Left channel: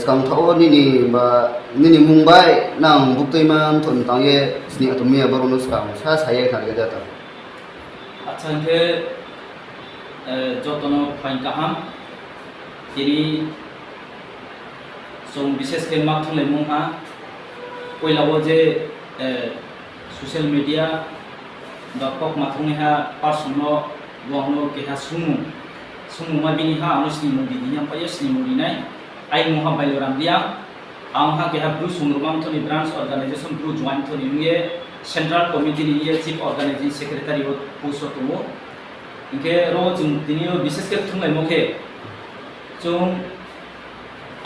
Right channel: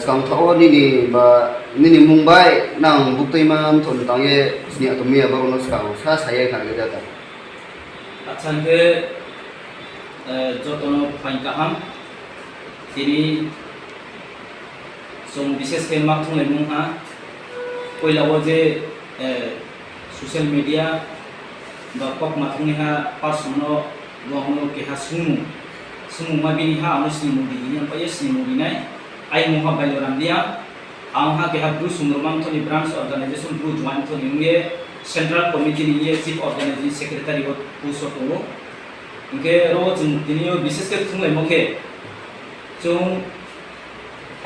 sekarang thau nini Mumbai nang bukti man thon tangye sini atau mia baru sekarang saya kan kita tahu. আচ্ছা কে যতন fine কাহাম তিনি जों বিশেষকে মাথলে মুহা কইলাও যে সোশ্যাল মিডিয়া বা কক মাথংনিহা পার্সোনাল রংনো কেহা sumu ma bini ha anu sini mudi ini apa ya sini mudi nai ai muha bailoram dia angha ke ha bru sumurmam thoni branch organization bru join thoni nge central committee ni chief organizing secretary ho puso to inge ro jung dinio বিশেষ ke thunglai mokhe jung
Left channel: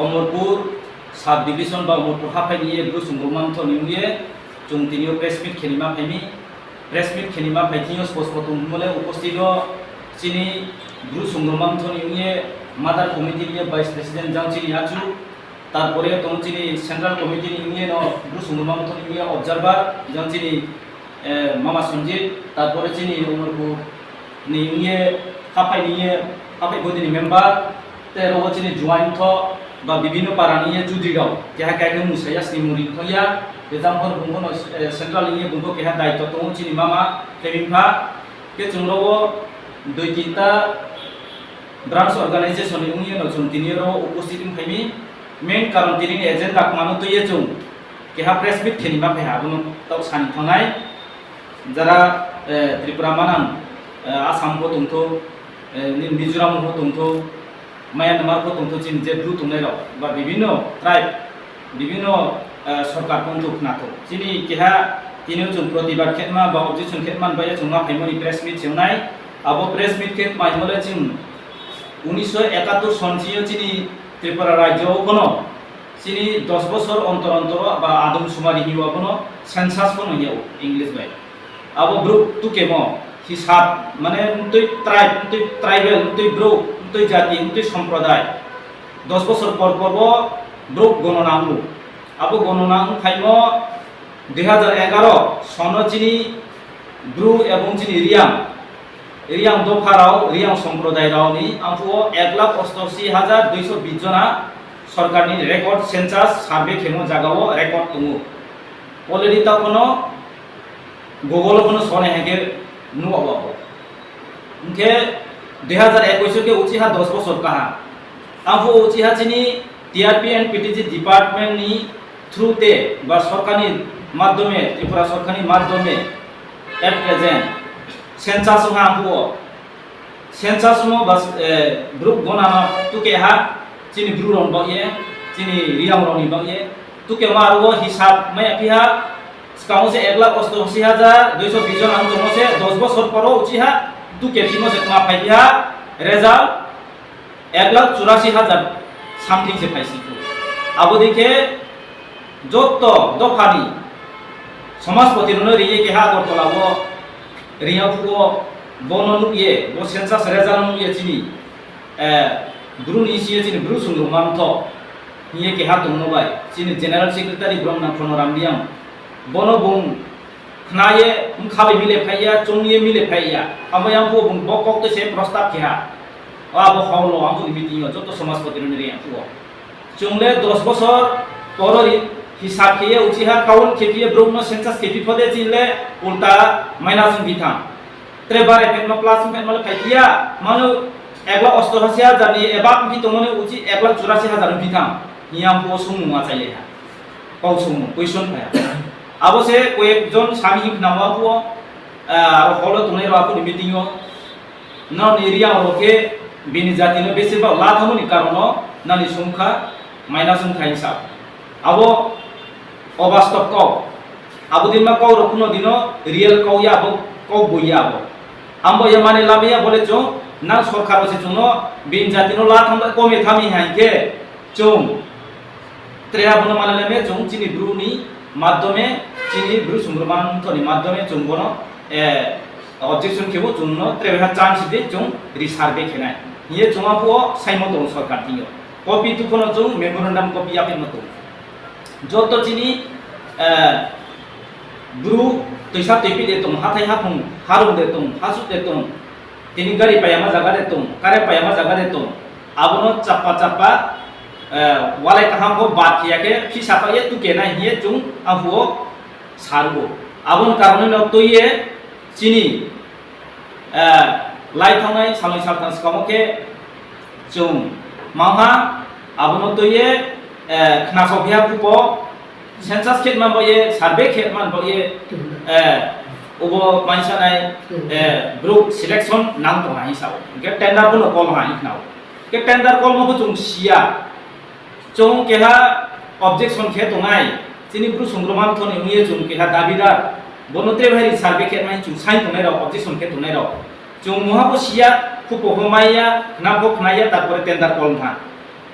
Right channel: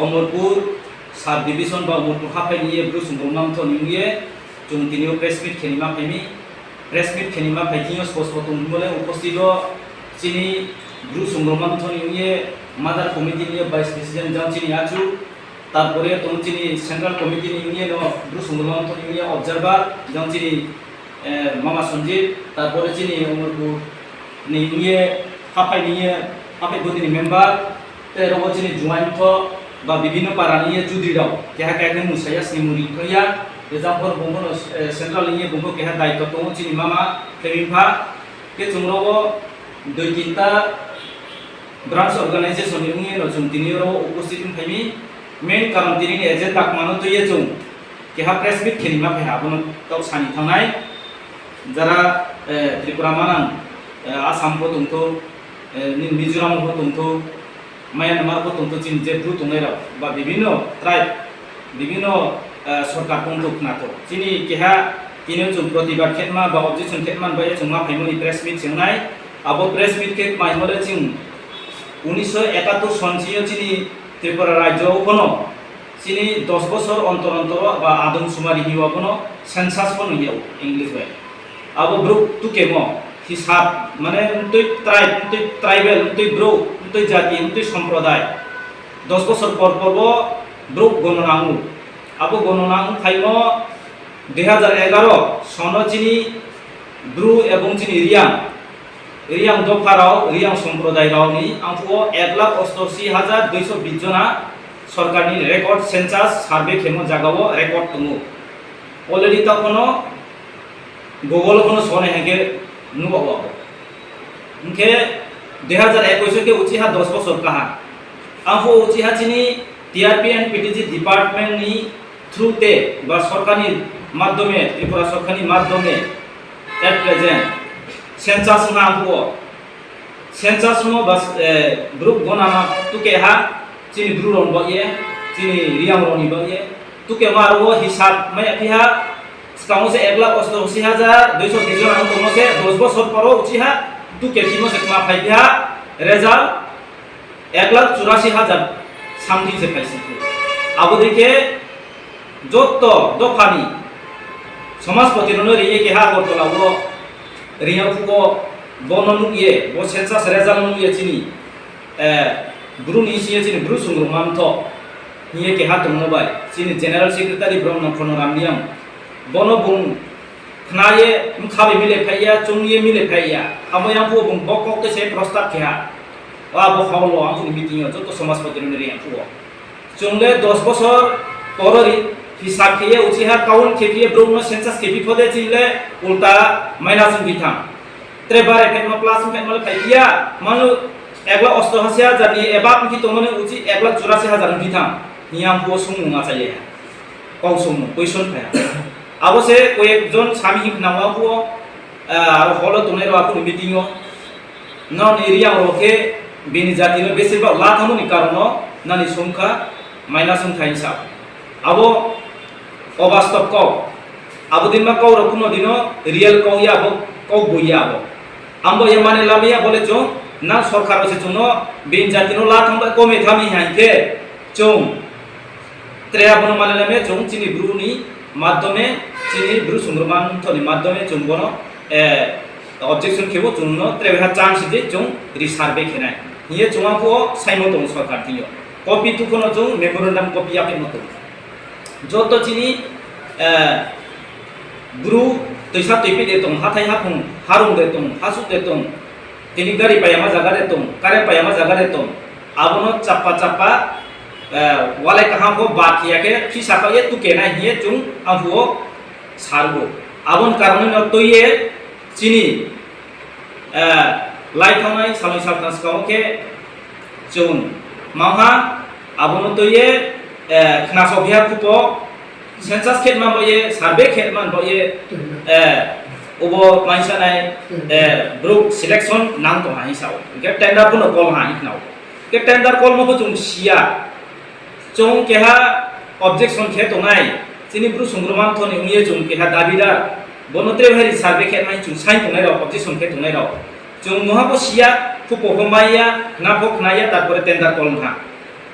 Omorpur sub division ba Omorpur hapai ni bru sumurmam thoni nge jung dinio press meet khenima phaitinho post potom mole upostito chini Guru Sumroman Thoni niye Mother Committee niye Vice President jang chini achu tarpore tom chini Central Committee niye no Guru Sumroman Thoni niye Observer jang chini Mama Sanjit tarpore chini Omorpur niye hapai godini member te ro chini join tho ba bibino para niye chudri daw keha ke musaya simuri thoya example bungno Central niye bungko keha daitto to chini Mama Temimpa ke chungro doi tinta branch organization ni no jung tiniro উপস্থিত থাইমি main কারণ তিনি agenda মানো তো ইয়ে জং কেহা press meet খেলিমা ফেহা বন তাও সানি থানাই যারা ত্রিপুরা মানাম আসাম পো তংতো মিজোরাম পো তংতো মায়ানমার পো তংতো চিন যে ব্রু তংলাই রাও বা বিভিন্ন ট্রাইব বিভিন্ন সরকার পন্থ নাতো চিনি কেহা তিনিও জং প্রতিবাদ খেতমা বা অবজেকশন খেতমান বায়ে জংমা ফাইমনি প্রেস মিট সেউনাই আবো প্রেস মিট কে মাইমলে চিং 1971 সনচিয়ে চিনি ত্রিপুরা রাজ্য কোনো চিনি 10 বছর অন্তর অন্তর বা আদম সুমারি হিওয়া কোনো সেন্সাস কোনো হিয়াও ইংলিশ বাই আবো ব্রুক তুকেমো হিসাব মানে তুই ট্রাইবেল তুই ব্রুক তুই জাতি তুই সম্প্রদায় 10 বছর পর পর ব্রুক গণনাং আবো গণনাং ফাইমো 2011 সন চিনি ব্রু এবং চিনি রিয়াং দফারাও রিয়াং সম্প্রদায় রাওনি আমফুও 1,88,220 জনা সরকারনি রেকর্ড সেন্সাস সার্ভে খেমো জাগাও রেকর্ড দङो অলরেডি তা কোনো গুগল কোনো সনে হেগে নুবাবো উনকে 2021 के उचिहा 10 বছর কাহা আমফু উচিহা চিনি টিআরপি এন্ড পিটিজি ডিপার্টমেন্ট নি থ্রুতে বা সরকারি মাধ্যমে ত্রিপুরা সরকারি মাধ্যমে এট প্রেজেন্ট सेंसास में आंपुओ सेंसास में बस ग्रुप गोनामा तुके हा चिनी ब्रू रंग बये चिनी रियाम रंगी बये तुके मारो हिसाब में अपिहा स्कामो से 1,88,220 जन आंग तोमो से 10 बছর পরও উচিহা तुके किमो से कमा फाइहा रिजल्ट 1,84,000 सामथिंग से पाइसी आबो देखे যত দফানি সমাজপতি রনো রিয়ে के हा गरतलावो रिया फुगो बोननु ये बो सेंसास रेजाल्ट नु ये चिनी ब्रु नि सिए चिनी ब्रु सुंगु मामथो निये के हात मोबाइल चिनी जनरल सेक्रेटारी ब्रह्मन फनरामनियम बोनो बुं खनाये खाबे मिले फाइया चोंगिए मिले फाइया आमयां फुगो बुं बकक ते से प्रस्ताव केहा आ बो खावलो आंखु मिटिंग जतो समाजपति नु रिया फुगो चोंगले 10 বছর পররি हिसाब किए उचिहा काउन खेपिए ब्रह्म सेंसास खेपि फदे चिले उल्टा माइनास बिथां त्रेबारे फेनमा प्लस फेनमा फाइया मानु 1,88,000 जानि एबा कि तमने उचि 1,84,000 बिथां हियाम को सुमुङा चाइले काउ सुमु क्वेश्चन फाया अबसे कयेकजन सामि हिखनावा को आरो हलो तने रो आफु मिटिंग न एरिया रोके बिनि जातिनो बेसेबा लाथामुनि कारण नानि संखा माइनास थाइसा आबो अबास्तव कौ आबो दिन मा कौ रखुनो दिनो रियल कौ या आबो कौ बोया आबो आम्बो ये माने लामिया बोले जो ना सरकार से जोनो बिन जातिनो ला थाम कमे थामी हाइके जों त्रेया बनो माने लामे जों चिनि ब्रुनि माध्यमे चिनि ब्रु सुंग्रमान थनि माध्यमे जों बनो ऑब्जेक्शन केबो जोंनो त्रेहा चान्स दे जों रिसार्भे खेनाय ये जोंआ को साइमो दं सरकार थियो कपि तुखनो जों मेमोरेंडम कपि आपे मतो যত চিনি ব্রু তৈসা তৈপি দেতং হাথাই হাফং হারুং দেতং হাসু দেতং তিনি গাড়ি পায়ামা জায়গা দেতং কারে পায়ামা জায়গা দেতং আবনো চাপা wale kaham ko bat kiya ke hisap ye tu kena hiye chung ampuo sargo abon karone no to ye chini lai thangai saloi saltan skamo ke chung maha abon to ye khna so bia pupo census khet man bo ye survey khet man bo ye obo maisa nai group selection nang to hai sao ke tender puno call hai nau ke tender call mo chung sia chung ke ha objection khe to ngai chini bru sungruman thoni uye chung ke ha dabidar bonotre bhai survey khet mai chung sai to nai ro objection khet to nai ro chung moha bo sia pupo homaya na bo khnaya tarpore tender call tha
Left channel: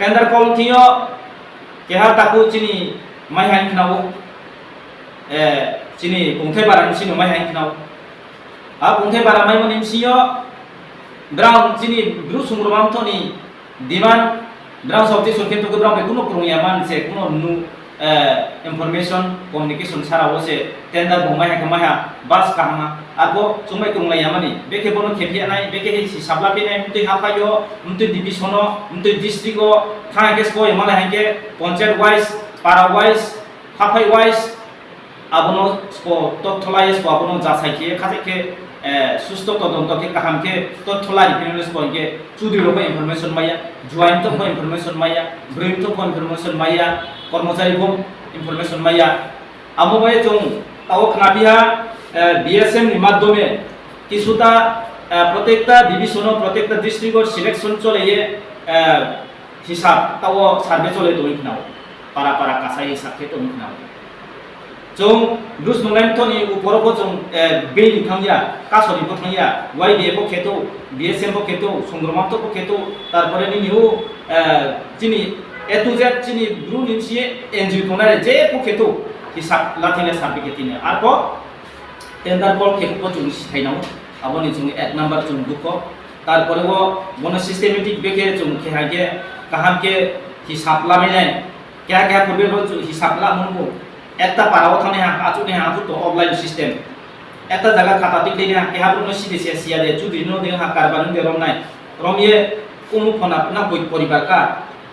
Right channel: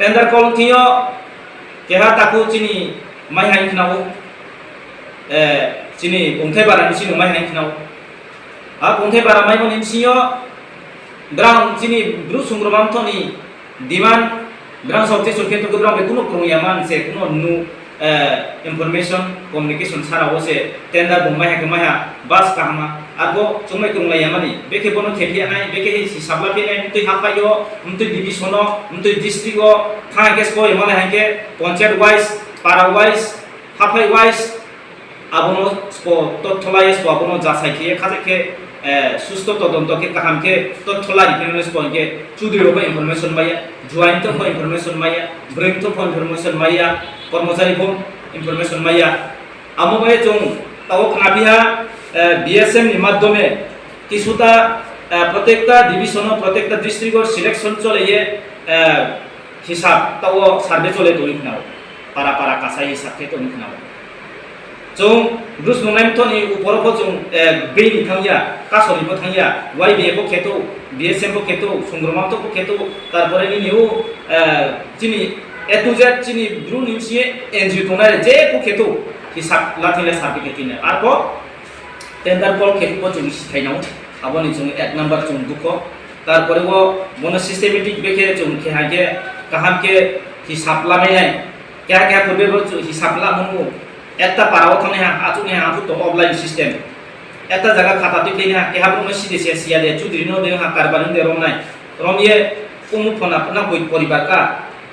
tender call thiyo ke ha taku chini mai hai nau chini ongthai bara sino mai hai nau ongthai bara mai mon siyo brown chini bru sungrumam thoni diman brown sabte sunke to brown be kuno krongyaman se kuno nu information communication sara wo se tender bo mai ha bas kahma arbo chungmai kronglayamani beke bono khepia nai beke hi sabla pe nai mtui hapayo mtui divisiono mtui district o thang kes ko yamala hanke concept wise para wise hapai wise abono ko totholai ko abono jasai ke khate ke susto todonto ke kaham ke totholai pinones ko ke chudri ro information maya joint to information maya brain to information maya कर्मचारी को information maya amo bae chung tawo khnabiha DSM ni মাধ্যমে কিছুটা প্রত্যেকটা division প্রত্যেকটা ডিস্ট্রিক্টর selection চলে হিসাব তাও survey চলে তো ইখনাও পারা পারা কাসাই হিসাব কে তো ইখনাও chung brus nonam thoni uporo ko chung be ni thangya kasori ko thangya YBA ko kheto DSM ko kheto sungromam to ko kheto tarpore ni niu chini A to Z chini bru nimsie NGO tonare je ko kheto hisab lathile sarbe ketine arko tender call kheto ko chung sithainau aboni chung at number chung duko tarpore wo bono systematic beke chung khehage kaham ke hisab lamai kya kya korbe bo hisab la mongo একটা পারাও থানে আচুনে আচু তো offline system একটা জায়গা খাতা টিকলে না কে হাবু নসি দেশে সিয়া দে চুদ্রি no দে হা কারবান দে রম নাই রমিয়ে কুমু ফনা না কই পরিবার কা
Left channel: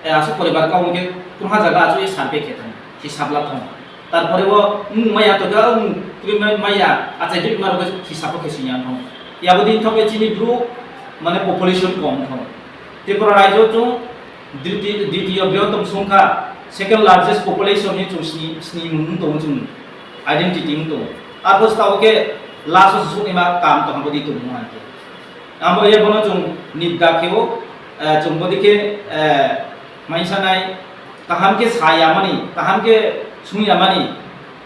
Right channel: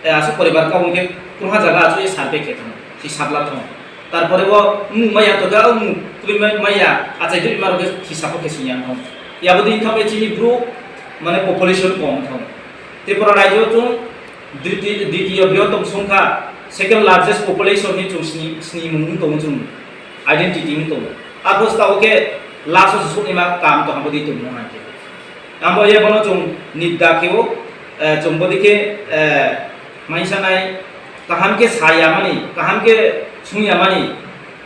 তে আসু পরিবার কা উনকে কুহা জায়গা আচু এ সার্ভে কে থাম সি সাবলা থাম তারপরে ও মাইয়া তো গা কুই মাইয়া আচাই দুই মারো হিসাব কে সিনিয়া থাম ইয়াবদি থবে চিনি ব্রু মানে পপুলেশন কম থাম ত্রিপুরা রাজ্য তো দ্বিতীয় বৃহত্তম সংখ্যা second largest population ni chung sni mung tong chung identity mung tong apos ta oke last su ni ma kam to hambodi tum no ante ambo ye bono chung nidda keo chung bodi ke maisa nai kaham ke saya mani kaham ke sunya mani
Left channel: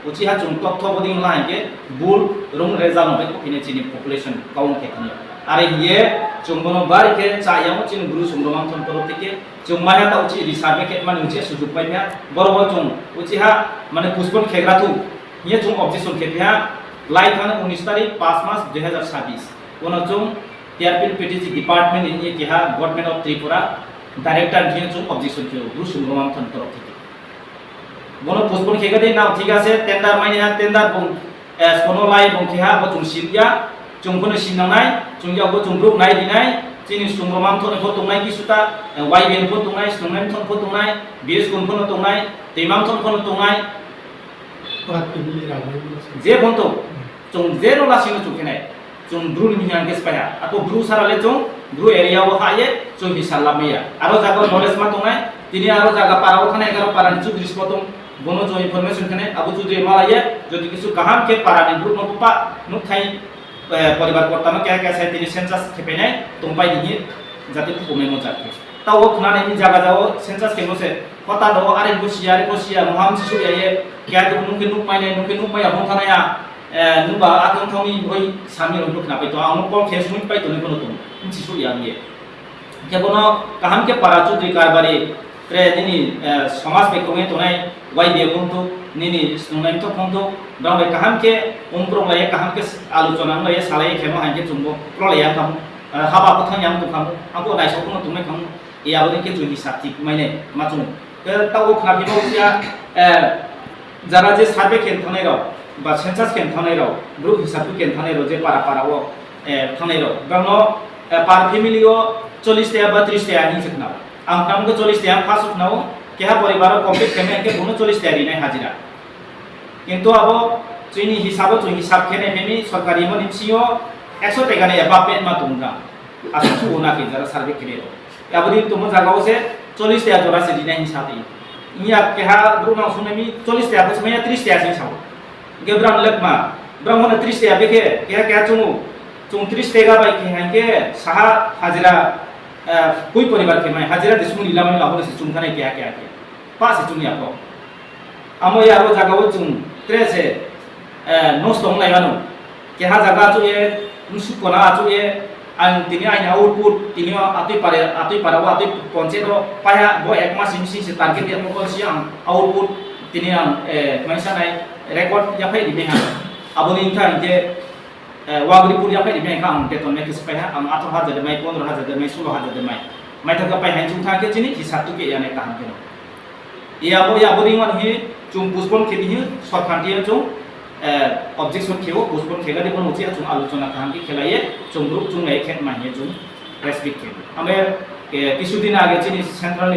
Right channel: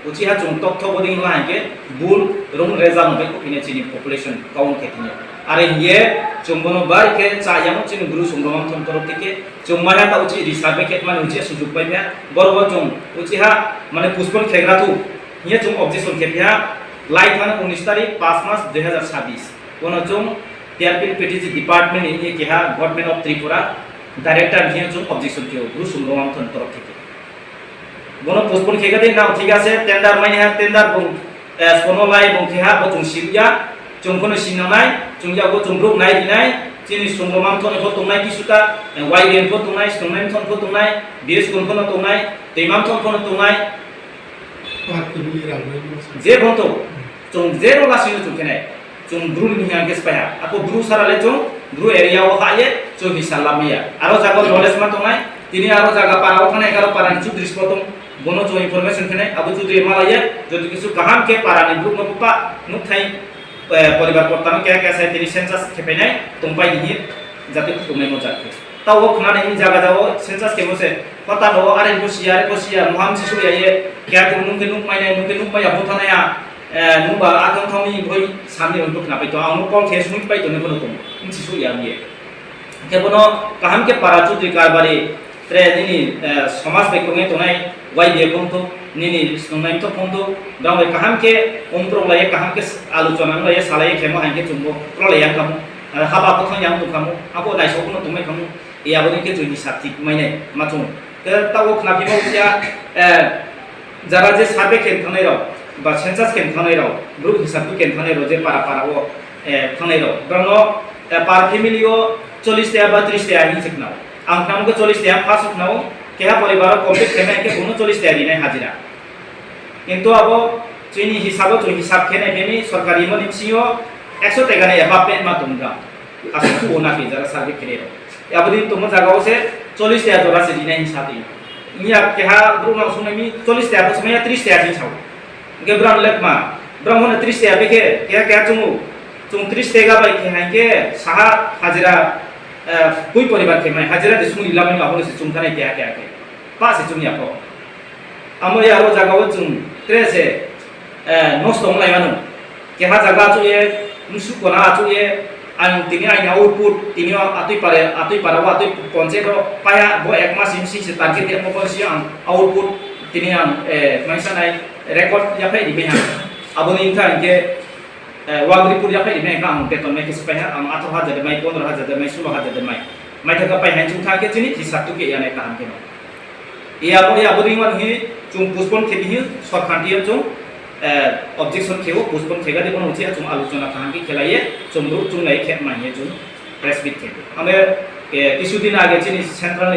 uchi ha chung tok thok bodi la ke bul rong reza no ko pine chini population kaung ke tinya are ye chung bono bar ke cha yam chini guru sumromam thon korot ke chung mana ta uchi risabe ket mane uchi sujug paimya borbo chung uchi ha mane puspon khegratu ye chung objection khepya lai thana 19 tarikh 5 mass 2026 kono chung TRP PTG department in ye keha government of Tripura director ye chung objection kyo guru sumromam thon korot ke bono puspon khegade na ঠিক আছে tender mane ha tender bong kono lai bong keha bo chung silya chung kono sinanai chung ya bo chung group nai dinai chini sungromam thon ko tongnai kisuta YBN ko tongnai sungromam thon ko tongnai BS kon ko tongnai temam thon ko tongnai je bonto chung zero la sinu chung kenai chung bru ni hang kes paya ako bru sarale chung bru area wa haye chung hisalla meya aro jago knowledge ma tongnai tini aro jaga para khane 11 para chu dris potong bono jo information khane abu chu de malaya jodi kisu kaham ke para ni bru no pa nuk thai পরিবার কর্তানো কে কে সাইতে census খেপেনে তুমপাই নি যাতে কমে মজাকে তাও খানা নি জায়গা যাও সেন্সাস কেমসে কথা দাও আরে বসিয়া মহাম শিশু ইয়ায়ে কে তো নুকে নুক মাই আপন থানায়া নুবা আতম থমি ভই সামি রন্টুক না পাইতো আমু কল খেস নুক পাইতো নি কোনো তুম শিশু ইয়ায়ে কেবনো কাহাম কে পারা চুদ্রি কারবারে রে নিনি সমাজ বেকমে তোনাই ওয়াই দিয়ে বন্ধু nini sungai to phondo dong kaham ke umprong la kaham ke aluchona la ye salai khemo hanke chumbo pro la yang kamu haba ko thang yang tu kamu apo dai so kono tumai kamu e aboni ke joni sakti maine matung ke tawo khna bi sia jara je sabe ken thanai ro ba census ken thanai ro group hisab ken thanai ro je para para o thanai ro bangno par family o 40 ta ba 30 ta ni sekna ang kam ko 40 ta phas uknao কেহা পরিবার complete খেনে কে 39 টাকা দিনে হাজিরা কিন্তু আবো চুইনি হিসাব খেনে Femi সরকারি মনি CO 100 টাকা নে এবাপমেন্ট মা তুমরা আসু তু ওনাকে যারা সার্ভে খেলে আবদি তোমো জায়গাও সে 40 টাকা জোড়া সে দিনে হিসাবই ইয়া কেহা ব্রুনা শুনেমি 40 টাকা সময় 30 টাকা দিন ছাও gebram lekma brahmana 30 টাকা বেকে কেহা চুমু 30 টাকা বাই খেহাইকে সাহা হাজিরা কুই পরিবার খেমাই হাজিরা de sumuri lamai abone se chumkhane kya ke pa se chumi apo amo ya ro jaga wo chung trese nos tong lai anu ke ha jaga chu ye nusu kona chu ye an tini ai na output tini atui para wa atui ponche do paya bo ek mas sim si se target dia mo si ang output tini ang maisa nai record ya phai di beha aboni intha ke वागरीपुर या पे में काम बेतन में किस पे है हम 18,000 दे mai 15,000 दे mai 16,000 दे mai थका पे हैं जुम था के चिनी हिसाब तो के या ने काम के नो ये अब या बोरिंग वन ही जुम पुष्पन खेती ही सरखांती जुम ऑब्जेक्शन खेवो पुष्पन खेगा दे बन होची जुम आलोचना काम की खेलाये जुम रु जुम नहीं खेत माहिए जुम प्रेस बिट खेबो हमें কিছু দিন আগে চিনি সেন্ট্রাল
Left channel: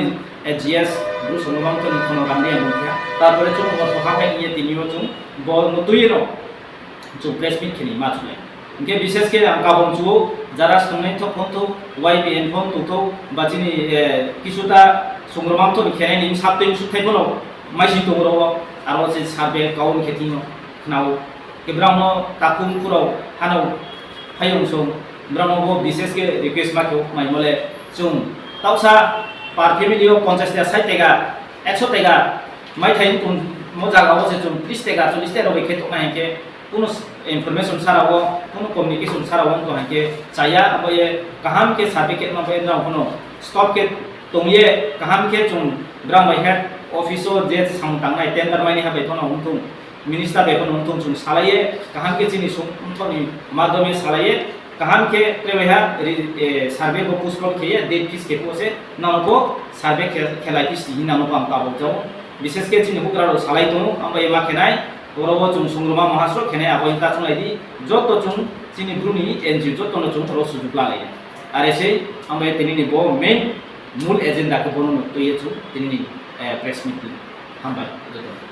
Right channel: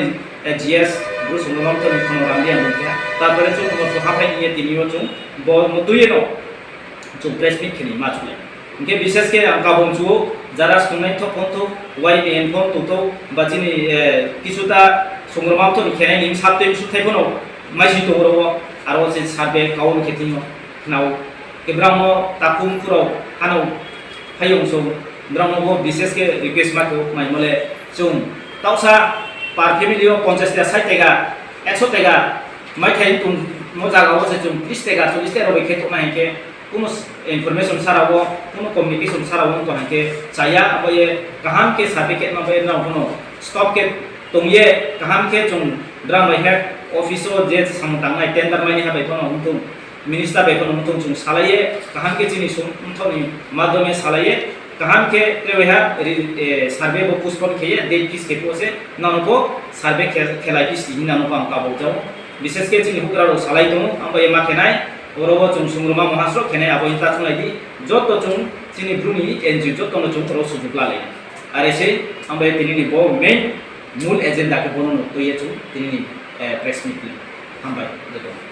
জিএস গ্রু সমরম তো নিখন রান্দিয়া মুখে তারপরে जुम वर्ष हाफे নিয়ে তিনিও जुम বল মতুয়ে নো जुम प्रेस बिट खेनि मा चले इनके विशेष के हम काबम जुओ जरा सुनाय तो फोन तो वाईबीएन फोन तो बाजिनी किसुता संग्राम तो खेनाय नि साबते सुथाय फोनो माइसि तो रो आरो से साबे काउन खेतिनो नाव के ब्राह्मण ताकुम पुरो हानो फायं सो ब्राह्मण वो विशेष के रिक्वेस्ट मा को माइ मले जुम ताउसा पार फैमिलियो 50 टा 60 टाका 100 टाका माइ थाइन तुम मो जागाव से जुम 30 टाका 40 टाका रो खेतो माइ के কোনো ইনফরমেশন সারাও কোনো কমিউনিকেশন সারাও তো হাকে চায়া আবয়ে কাহাম के সার্টিফিকেট मा बे ना कोनो स्टॉप के तुमये काहाम के जुम ब्राम बाय हेड ऑफिसो जे सांगतांनाय टेंडर मानि हाबे फनो हुंतुं मिनिस्टार बे फनो हुंतुं जुम सालाये काहाम के चिनि सुमथनि माध्यमे सालाये काहाम के प्रेबेहा सार्वे बो पुष्पन खेये डेट किस के पोसे नामको सार्वे खेलाय किस हिनानो पाम काबो जाव विशेष के चिनि हुग्रारो सालाय दङ आमबाय मा खेनाय बरोबो जुम सुंग्रमा महास्र खेनाय आबो इनता चुनायदि जतो जुम चिनि ब्रुनि एनजिओ जतो न जुम रो सुजुग लाले आरो एसे आमबाय तिनिनि बो मेन मूल एजेंडा के बननो तो ये छु तिनिनि प्रेस मीट हामबाय